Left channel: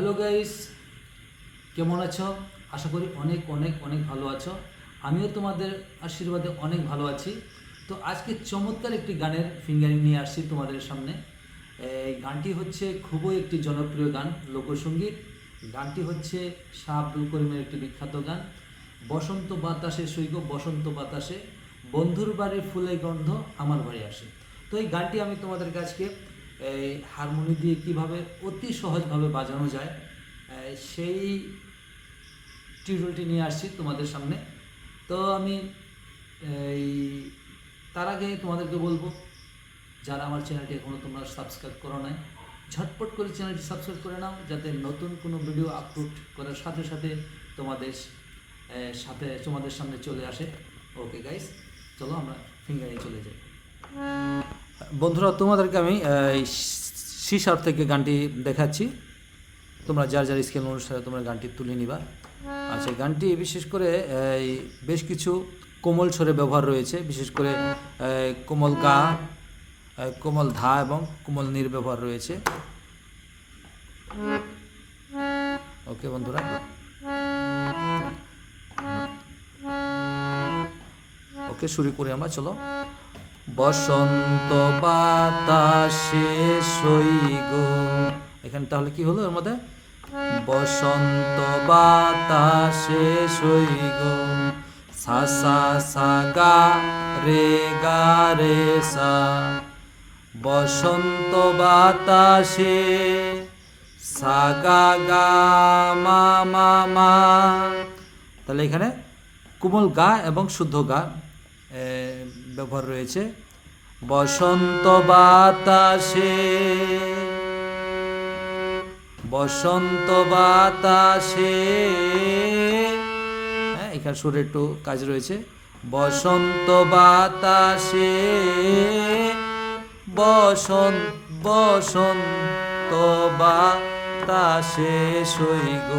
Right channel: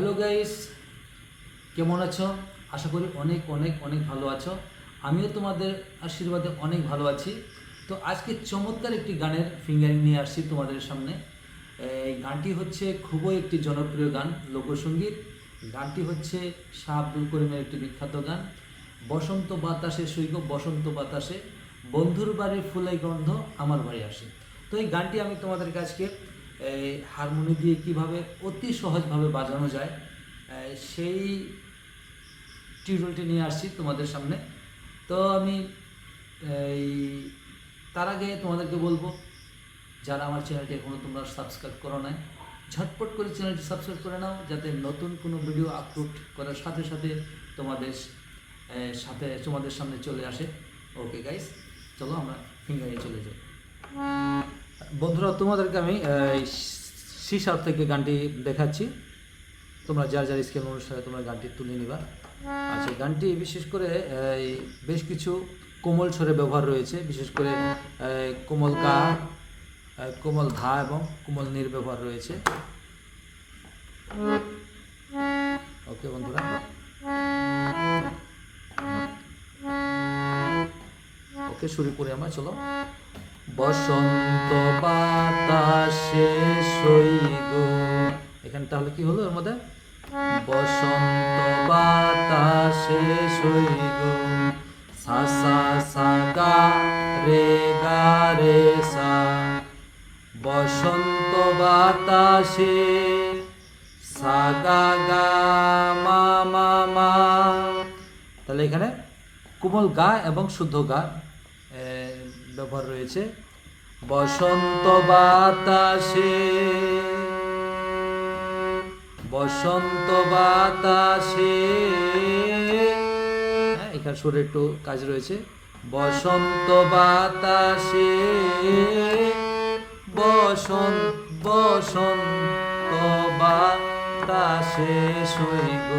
Hello guys কেমন আছো? আশা করি অনেক অনেক অনেক ভালো আছো। আমিও তোমাদের আশীর্বাদে অনেক ভালো আছি। তো আজকে চমৎকার একটি গানের ফিঙ্গারিং নিয়ে আসছি তোমাদের সামনে। এই গানটি হচ্ছে খুবই একটি জনপ্রিয় গান, লোকসঙ্গীত। গানটি হচ্ছে শাহ আব্দুল করিমের একটি বিখ্যাত গান। বসন্ত বাতাসে সৈক, বসন্ত বাতাসে বন্ধুর বাড়ি ফুলে গন্ধ আমার বাড়ি আসে। তো এই গানটি আমি তোমাদের কাছকে এই হারমোনি দিয়ে কীভাবে অতি সহজভাবে বাজানো যায় সেই টিউটোরিয়ালটি নিয়ে আসছি তোমাদের সামনে। তো আমি, এই তার আগে তোমাদেরকে বলব, যারা আমার চ্যানেলটি এখনও তোমরা সাবস্ক্রাইব করো নাই, ঝটপট করে চ্যানেলটি সাবস্ক্রাইব করে নাও, যাতে নতুন কোনো ভিডিও আপলোড করার সাথে সাথে তোমাদের সাথে তোমাদের সামনে চলে আসে। ওকে গাইস, চলো আমরা ফিঙ্গারে চলে যাই। বন্ধুরা তোমাদেরকে আমি সি থেকে গানটি দেখাচ্ছি। তোমরা যার যার স্কেল অনুসারে তোমরা গানটি তুলে নিবা। আচ্ছা গানটি বিশেষ করে এই, বেশ কিছু কোমল স্বরে ব্যবহার রয়েছে। বিশেষ করে কোমল গা কোমল ধা এবং কোমল নীর ব্যবহার রয়েছে। ওকে বন্ধুরা। ওকে শুরু করি আমরা চলো। বসন্ত বাতাসে সইগ এখানে তাহলে কি হলো এর মধ্যে? বসন্ত বাতাসে সইগ সা সা সা রে, গা, রে, সা। বসন্ত বাতাসে সা, গা গা, মা মা মা। তাহলে এখানে কোমল গা এবং শুদ্ধ গা ব্যবহার রয়েছে। বসন্ত বাতাসে বসন্ত বাতাসে হ্যাঁ এখানে সুরে একটু কাজ রয়েছে। বসন্ত বাতাসে বসন্ত বসন্ত বাতাসে সইগ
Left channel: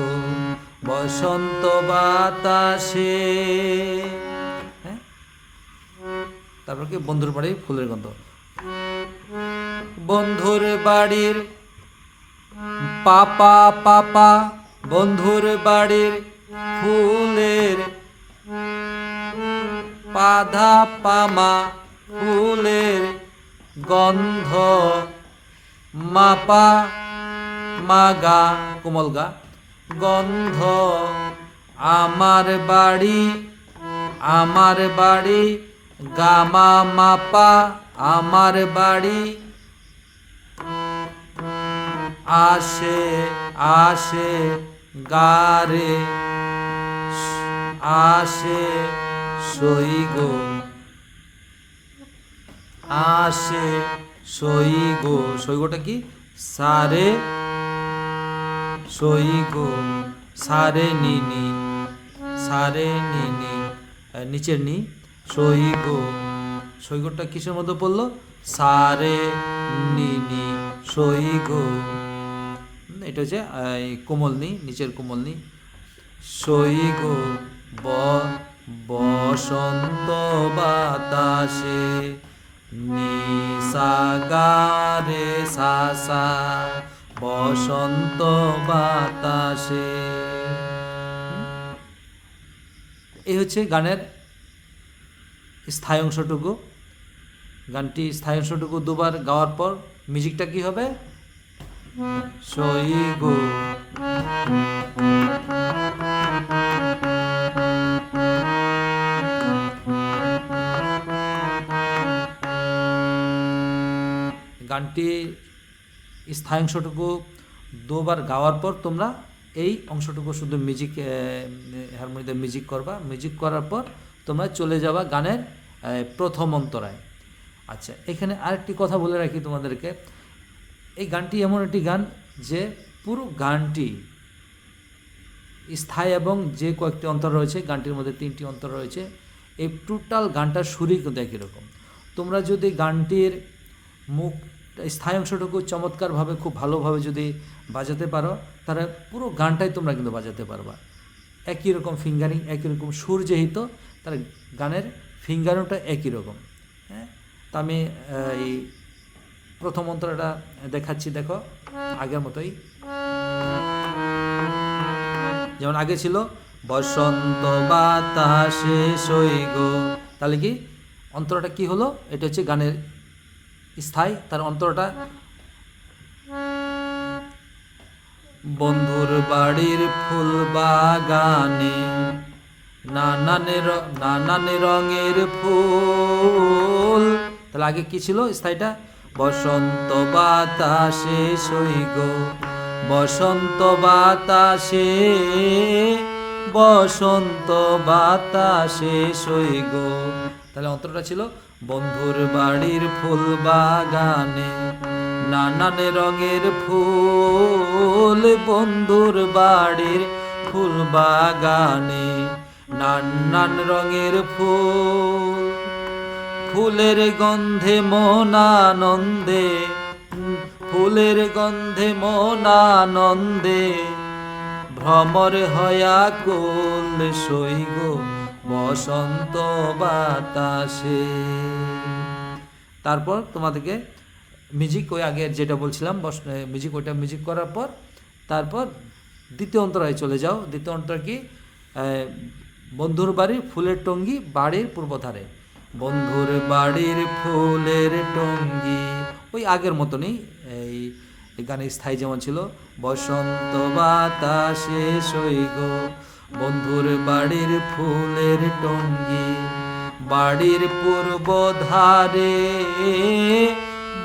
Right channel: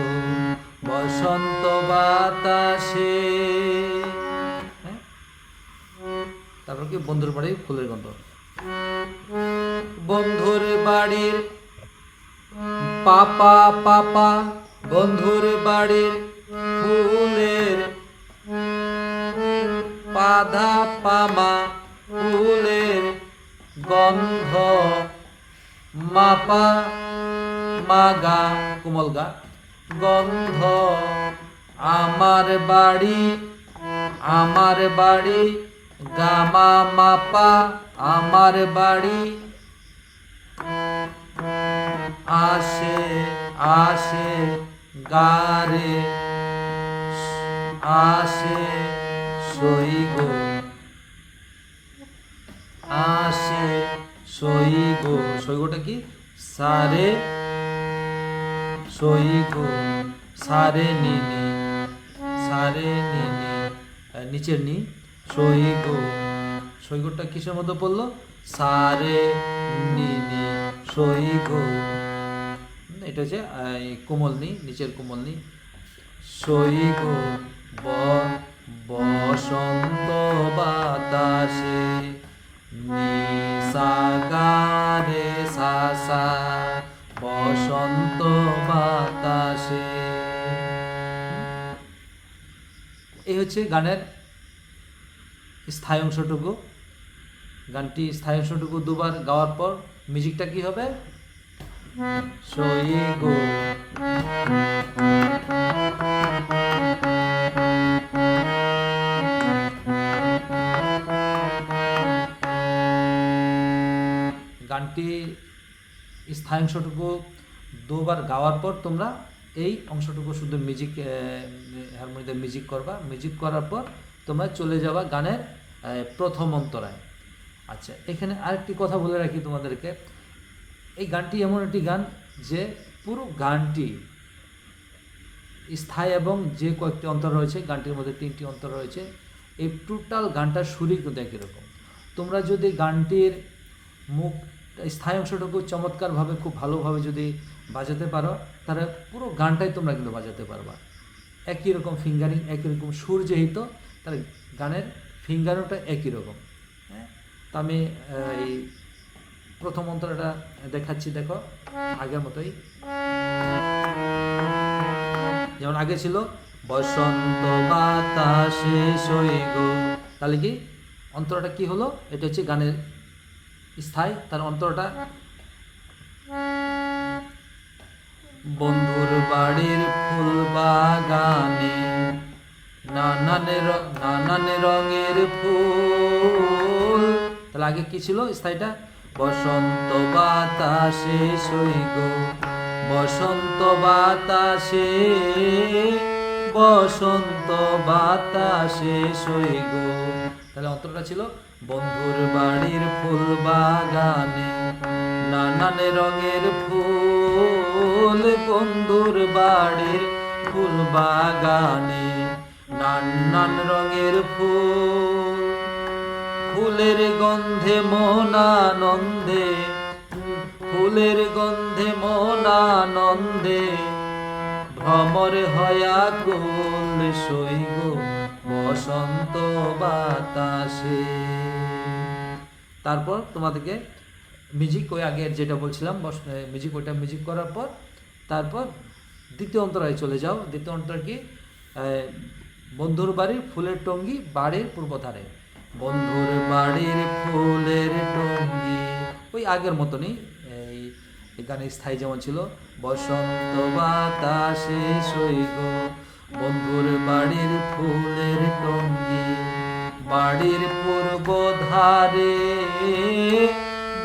বসন্ত বাতাসে তারপর কি বন্ধুর বাড়ির ফুলের গন্ধ। বন্ধুর বাড়ির পাপা পাপা, বন্ধুর বাড়ির ফুলের পাধা, পামা, ফুলের গন্ধ। মাপা, মাগা, কোমল গা। গন্ধ আমার বাড়ি আমার বাড়ি গামা মাপা আমার বাড়ি। আসে আসে গারে, আসে সইগ আসে সইগ সইগটা কি? সারে সইগ সারে নিনি সারে নিনি নিচের নি। সইগ সইগটা কিসের মধ্যে পড়ল? সারে নিনি সইগ এটা হচ্ছে কোমল নি নিচের কোমল নি সইগ ব, বসন্ত বাতাসে নিসাগারে সাসা, বসন্ত বাতাসে। এই হচ্ছে গানের স্থায়ী অংশটুকু। গানটি স্থায়ী অংশটুকু দুবার গাওয়ার পর মিউজিকটা কি হবে? গানটি স্থায়ী অংশটুকু দুবার গাওয়ার পর তোমরা এই অংশটুকু শুধু মিউজিক হারমোনিয়াতে মিউজিক করবা। মিউজিক করার পর তোমরা চলে যাওয়া গানের প্রথম অন্তরায়। আচ্ছা এখানে আরেকটি কথা বলে রাখি তোমাদেরকে। এই গানটি এমন একটি গান যে পুরো গানটি স্থায়ী এবং যে কয়েকটি অন্তর রয়েছে, গানটির মধ্যে তিনটি অন্তর রয়েছে, এই টোটাল গানটার সুরই কিন্তু একই রকম। তোমরা যদি গানটির মুখ, স্থায়ী অংশটুকু চমৎকারভাবে, খুব ভালোভাবে যদি বাজাতে পারো, তাহলে পুরো গানটাই তোমরা কিন্তু বাজাতে পারবা। একই রকম ফিঙ্গারিং একই রকম সুর যেহেতু তাহলে গানের ফিঙ্গারিংটা একই রকম হ্যাঁ? তা আমি এই প্রথম অন্তরটা দেখাচ্ছি, দেখো, আগের মতোই। যেমন আগে ছিল, বসন্ত বাতাসে তাহলে কি, অন্তরটা কি হলো? এটা হচ্ছে গানের স্থায়ী, তার অন্তরটা বন্ধুর বাড়ির ফুল বাগানে নানান রঙের ফুল। তাহলে আগে কি ছিল? স্থায়ীটা? বসন্ত বাতাসে সৈগ বসন্ত বাতাসে বসন্ত বাতাসে সৈগ তাহলে অন্তরটা ছিল বন্ধুর বাড়ির ফুল বাগানে। নানান রঙের ফুল, বন্ধুর বাড়ির ফুল বাগানে। ফুলের গন্ধে মন আনন্দে, ফুলের গন্ধে মন আনন্দে, ভ্রমর হয়া কোল সৈগ বসন্ত বাতাসে। তারপর তোমাদেরকে মিউজিক ওই আগে যেটা বলছিলাম মিউজিক, ওইটা মিউজিক করার পর, তারপর দ্বিতীয় অন্তরায় চলে যাও। দ্বিতীয় অন্তর কি? বন্ধুর বাড়ির ফুলের টঙ্গি বাড়ির পূর্বধারে। বন্ধুর বাড়ির ফুলের টঙ্গি। ওই আগের মতনই এই গানের স্থায়ী যেমন ছিল, বসন্ত বাতাসে সৈগ বন্ধুর বাড়ির ফুলের টঙ্গি, বাড়ির পূর্ব ধারে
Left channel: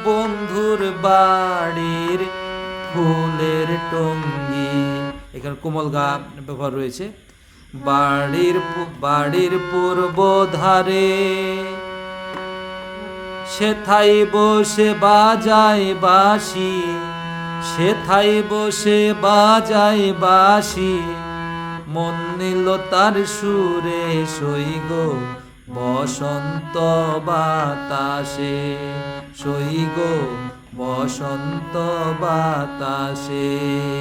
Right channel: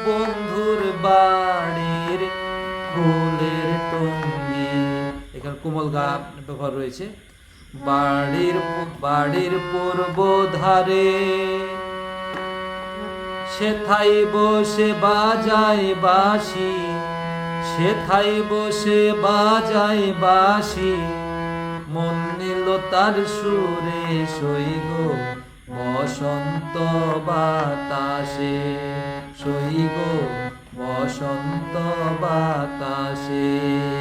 বন্ধুর বাড়ির ফুলের টঙ্গি। এখানে কোমল গা ব্যবহার রয়েছে। বাড়ির বাড়ির পূর্ব ধারে সেথাই বসে বাজায় বাঁশি সেথাই বসে বাজায় বাঁশি। মন নিল তার সুরে সইগ বসন্ত বাতাসে। সইগ বসন্ত বাতাসে।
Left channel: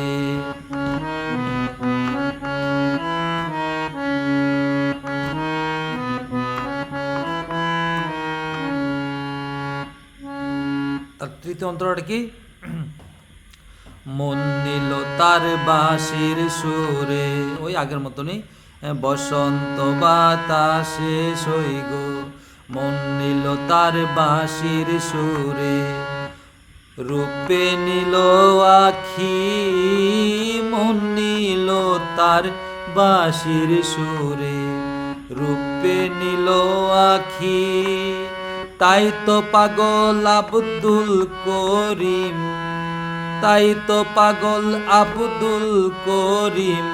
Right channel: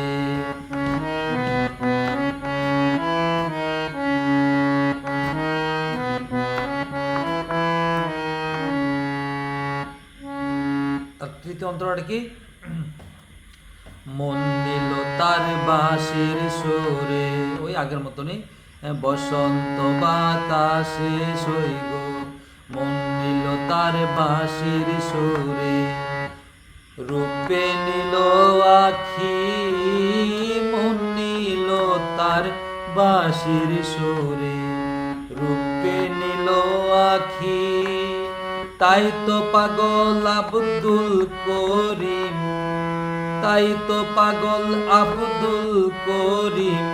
তৃতীয় অন্তরটা কি? মন নিল তার বাঁশির সুরে। ওই আগের মতনই বসন্ত বাতাসে সইগ মন নিল তার বাঁশির সুরে। রূপে নিল আখি। মন নিল তার বাঁশির সুরে। রূপে নিল আখি। তাই তো পাগল আব্দুল করিম তাই তো পাগল আব্দুল করিম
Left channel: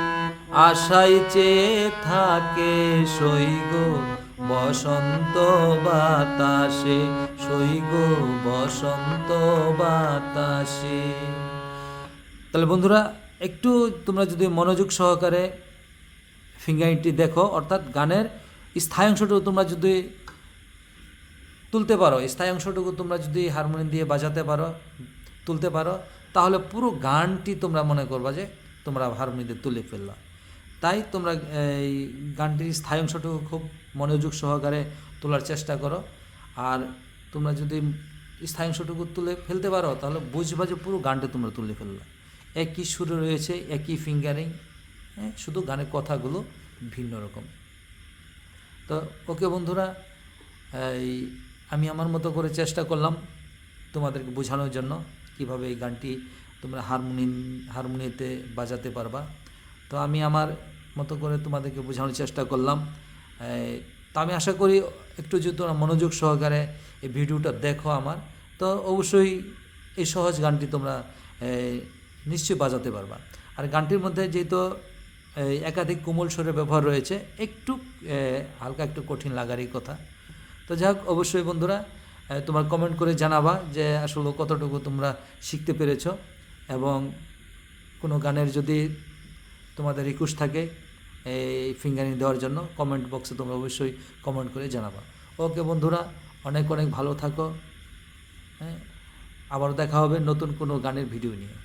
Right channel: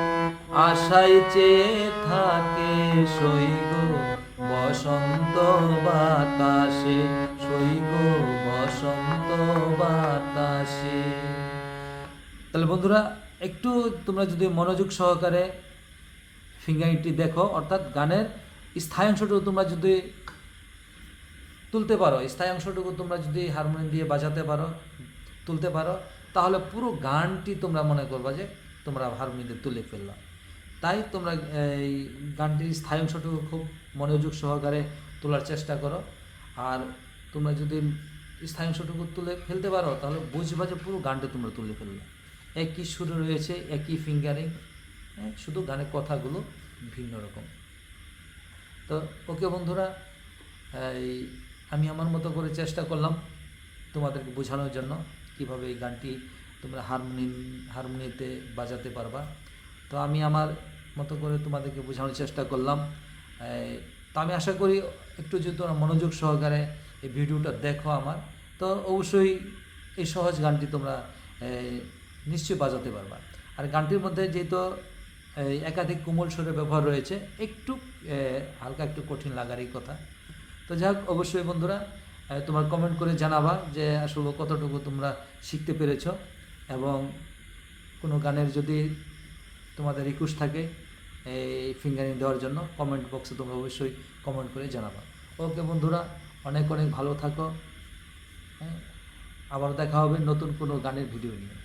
আশাই চেয়ে থাকে সৈগ বসন্ত বাতাসে, সৈগ বসন্ত বাতাসে। তাহলে বন্ধুরা, একটু তোমরা যদি মনোযোগ সহকারে ফিঙ্গারিংটি দেখো, অর্থাৎ গানের স্থায়ী অংশটুকু তোমরা যদি তুলতে পারো, স্থায়ী অংশটুকু তোমরা যদি হারমোনিয়াম দিয়ে বাজাতে পারো, তুলতে পারো, তাহলে পুরো গানটি তোমরা মনে করবা যে তোমরা হারমোনিয়াম তুলে ফেললা। তাই তোমরা, এই গানটির স্থায়ী অংশটুকু খুব মনোযোগ সহকারে তোলার চেষ্টা করো। আর তোমরা যদি স্থায়ী অংশটুকু তুলে ফেলতে পারো, তাহলে বুঝবা যে পুরো গানটি তোমরা তুলে ফেললা। একই সুরে রয়েছে, একই ফিঙ্গারিং হ্যাঁ শুধু গানের কথাগুলো ভিন্ন রকম। তো ওকে বন্ধুরা, এই আমি আমার মতো করে চেষ্টা করলাম তোমাদেরকে বোঝানোর জন্য কীভাবে এই গানটি তোমরা হারমোনিয়াম হারমোনিয়াতে বাজাতে পারবা। তো আমি আমার মতো করে তোমাদেরকে বোঝানোর চেষ্টা করলাম। তো আমি আশা করি একটু যদি তোমরা মনোযোগ সহকারে এই ভিডিওটা দেখো আমার, তো অবশ্যই এই সহজ গানটি তোমরা নিশ্চয়ই বাজাতে পারবা। আর গানটির মধ্যে যেহেতু একাধিক কোমল স্বরের ব্যবহার রয়েছে, একটু হালকা একটু কঠিন লাগারই কথা। তো যাই হোক অবশ্যই বন্ধুরা তোমার কমেন্ট করে জানাবা যে আসলে কতটুকু তোমরা শিখতে পেরেছ এবং কোনো গানের যদি তোমাদের রিকোয়েস্ট থাকে, এই ফিঙ্গারিং দেওয়ার জন্য কমেন্ট বক্সে তোমরা অবশ্যই কমেন্ট করে জানাবা। ওকে বন্ধুরা, অনেক অনেক ভালো থাকো। হ্যাঁ আবার দেখা হবে নতুন কোনো গানের ভিডিও নিয়ে।